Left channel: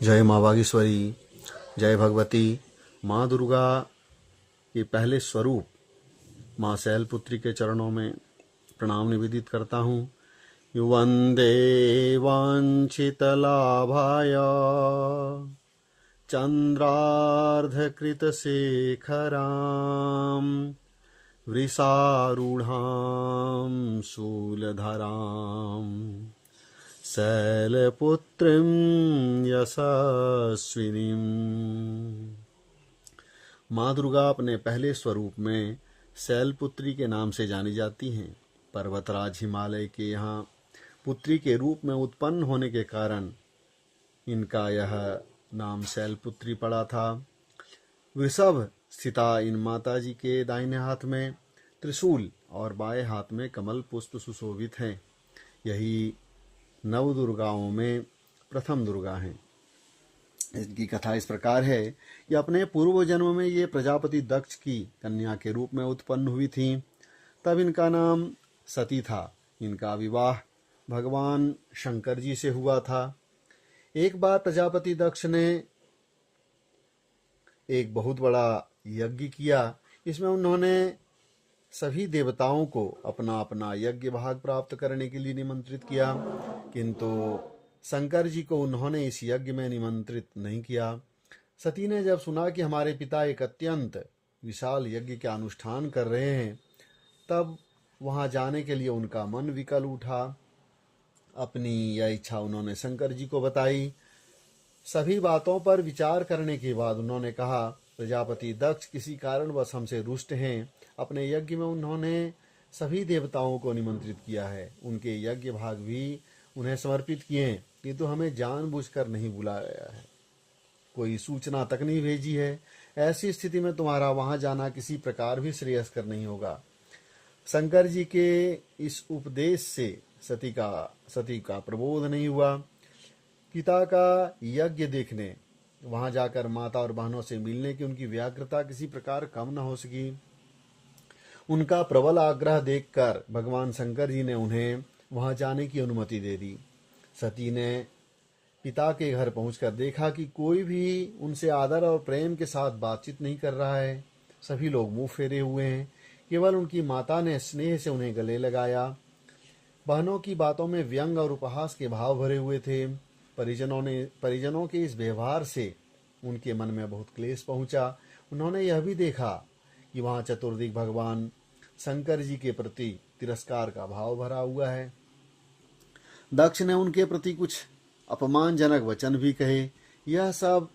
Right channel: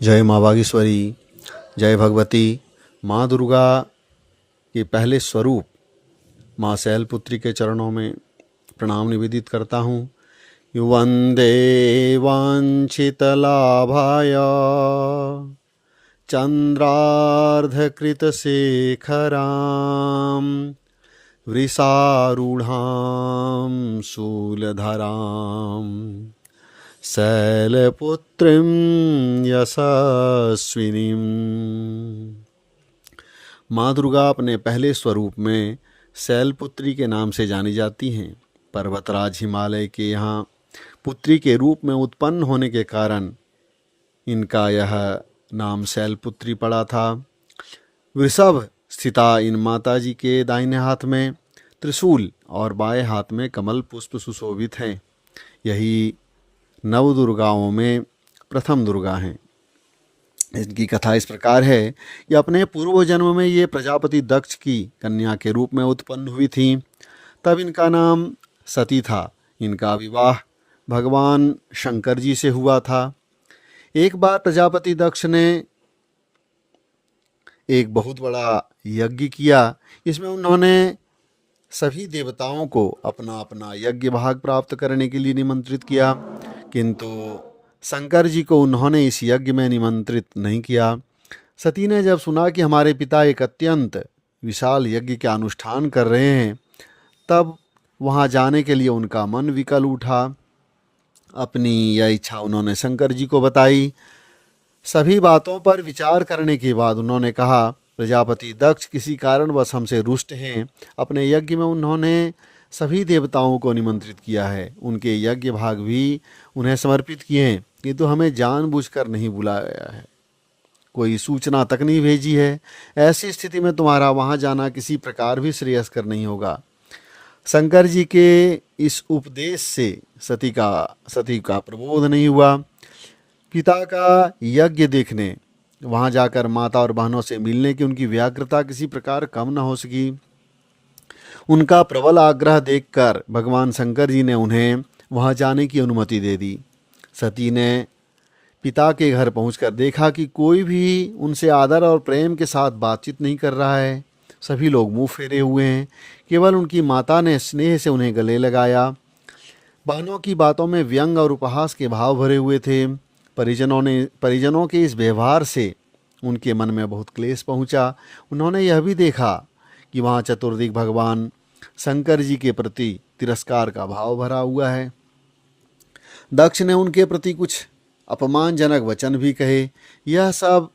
जय माँ बागेश्वरी, जय भगवती। माँ दुर्गा के पहले स्वरूप माँ शैलपुत्री के चरणों में प्रणाम निवेदित करता हूँ। वंदे वाञ्छितलाभाय चन्द्रार्धकृतशेखरां वृषारूढां शूलधरां शैलपुत्रीं यशस्विनीं। माँ दुर्गा अपने पहले स्वरूप में शैलपुत्री के नाम से जानी जाती हैं। पर्वतराज हिमालय के यहाँ पुत्री के रूप में उत्पन्न होने के कारण इनका यह नाम शैलपुत्री पड़ा था। वृषभ स्थिता इन माता जी के दाहिने हाथ में त्रिशूल और बाएं हाथ में कमल पुष्प सुशोभित हैं। यही नव दुर्गाओं में प्रथम दुर्गा हैं। इनकी कथा इस प्रकार है कि अपने पूर्व जन्म में ये प्रजापति दक्ष की कन्या के रूप में उत्पन्न हुई थीं। तब इनका नाम सती था। इनका विवाह भगवान शंकर जी से हुआ था। एक बार प्रजापति दक्ष ने एक बहुत बड़ा यज्ञ किया। इसमें उन्होंने सभी देवताओं को अपना अपना यज्ञ भाग प्राप्त करने के लिए निमंत्रित किया, किंतु शंकर जी को उन्होंने इस यज्ञ में निमंत्रित नहीं किया। सती ने जब सुना कि हमारे पिता एक अत्यंत विशाल यज्ञ का अनुष्ठान कर रहे हैं, तब वहाँ जाने के लिए उनका मन विकल उठा। अपनी यह इच्छा उन्होंने शंकर जी को बताई। सभी बातों पर विचार करने के बाद उन्होंने कहा, प्रजापति दक्ष किसी कारणवश हमसे रुष्ट हैं। अपने यज्ञ में उन्होंने सभी देवताओं को निमंत्रित किया है, उनके यज्ञ भाग भी उन्हें समर्पित किए हैं, किंतु हमें जानबूझकर नहीं बुलाया है, कोई सूचना तक नहीं भेजी है। ऐसी स्थिति में तुम्हारा वहाँ जाना किसी प्रकार भी श्रेयस्कर नहीं होगा। शंकर जी के इस उपदेश से सती का प्रबोध नहीं हुआ। पिता का यज्ञ देखने वहाँ जाकर माता और बहनों से मिलने की उनकी व्याग्रता किसी प्रकार कम न हो सकी। उनका प्रबल आग्रह देखकर भगवान शंकर जी ने उन्हें वहाँ जाने की अनुमति दे दी। सती ने पिता के घर पहुंचकर देखा कि कोई भी उनसे आदर और प्रेम के साथ बातचीत नहीं कर रहा है। सभी लोग मुंह फेरे हुए हैं। केवल उनकी माता ने स्नेह से उन्हें गले लगाया। बहनों की बातों में व्यंग और उपहास के भाव भरे हुए थे। परिजनों के इस व्यवहार से उनके मन में बहुत क्लेश पहुंचा। उन्होंने यह भी देखा कि वहाँ चतुर्दिक भगवान शंकर जी के प्रति तिरस्कार का भाव भरा हुआ है। दक्ष ने उनके प्रति कुछ अपमानजनक वचन भी कहे। यह सब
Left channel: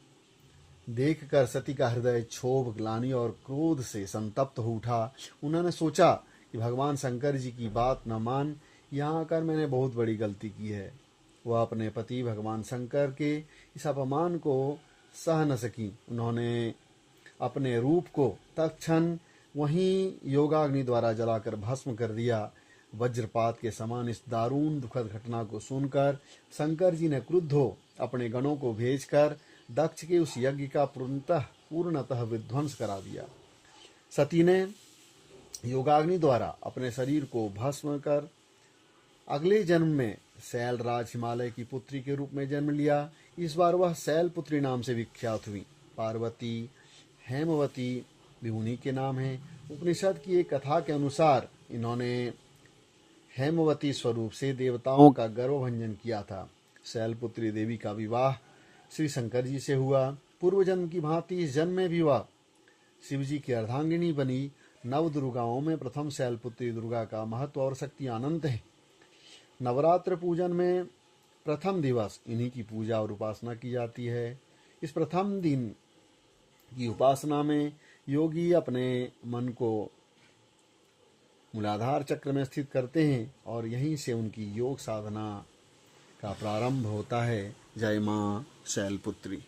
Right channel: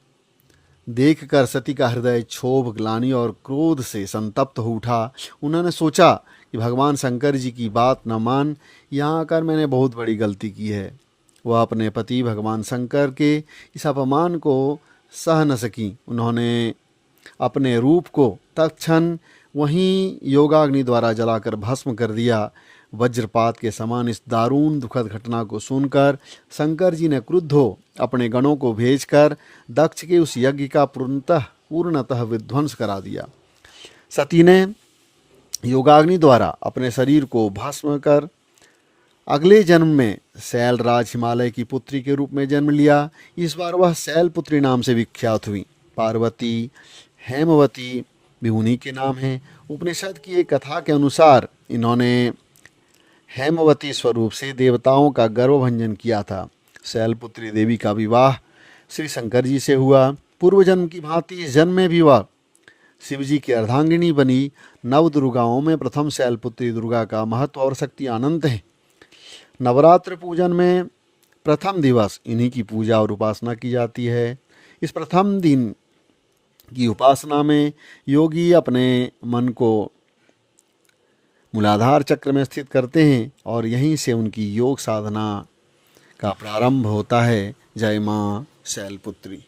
देखकर सती का हृदय क्षोभ, ग्लानि और क्रोध से संतप्त हो उठा। उन्होंने सोचा कि भगवान शंकर जी की बात न मान यहाँ आकर मैंने बहुत बड़ी गलती की है। वह अपने पति भगवान शंकर के इस अपमान को सह न सकी। उन्होंने अपने रूप को तत्क्षण वहीं योगाग्नि द्वारा जलाकर भस्म कर दिया। वज्रपात के समान इस दारुण दुखद घटना को सुनकर शंकर जी ने क्रुद्ध हो अपने गणों को भेजकर दक्ष के उस यज्ञ का पूर्णतः विध्वंस करा दिया। सती ने योगाग्नि द्वारा अपने शरीर को भस्म कर अगले जन्म में शैलराज हिमालय की पुत्री के रूप में जन्म लिया। इस बार वह शैलपुत्री नाम से विख्यात हुई। पार्वती, हेमवती भी उन्हीं के नाम हैं। उपनिषद की एक कथा के अनुसार इन्होंने हेमवती स्वरूप से देवताओं का गर्वभंजन किया था। शैलपुत्री देवी का विवाह श्री शंकर जी से हुआ। पूर्व जन्म की भांति इस जन्म में भी वह शिव जी की अर्धांगिनी बनी। नव दुर्गाओं में प्रथम शैलपुत्री दुर्गा का महत्व और शक्ति अनंत है। नवरात्र पूजन में प्रथम दिवस इन्हीं की पूजा और उपासना की जाती है। इस प्रथम दिन की उपासना में योगी अपने मन को मूलाधार चक्र में स्थित करते हैं और यहीं से उनकी योग साधना का प्रारंभ होता है। जय माँ शैलपुत्री।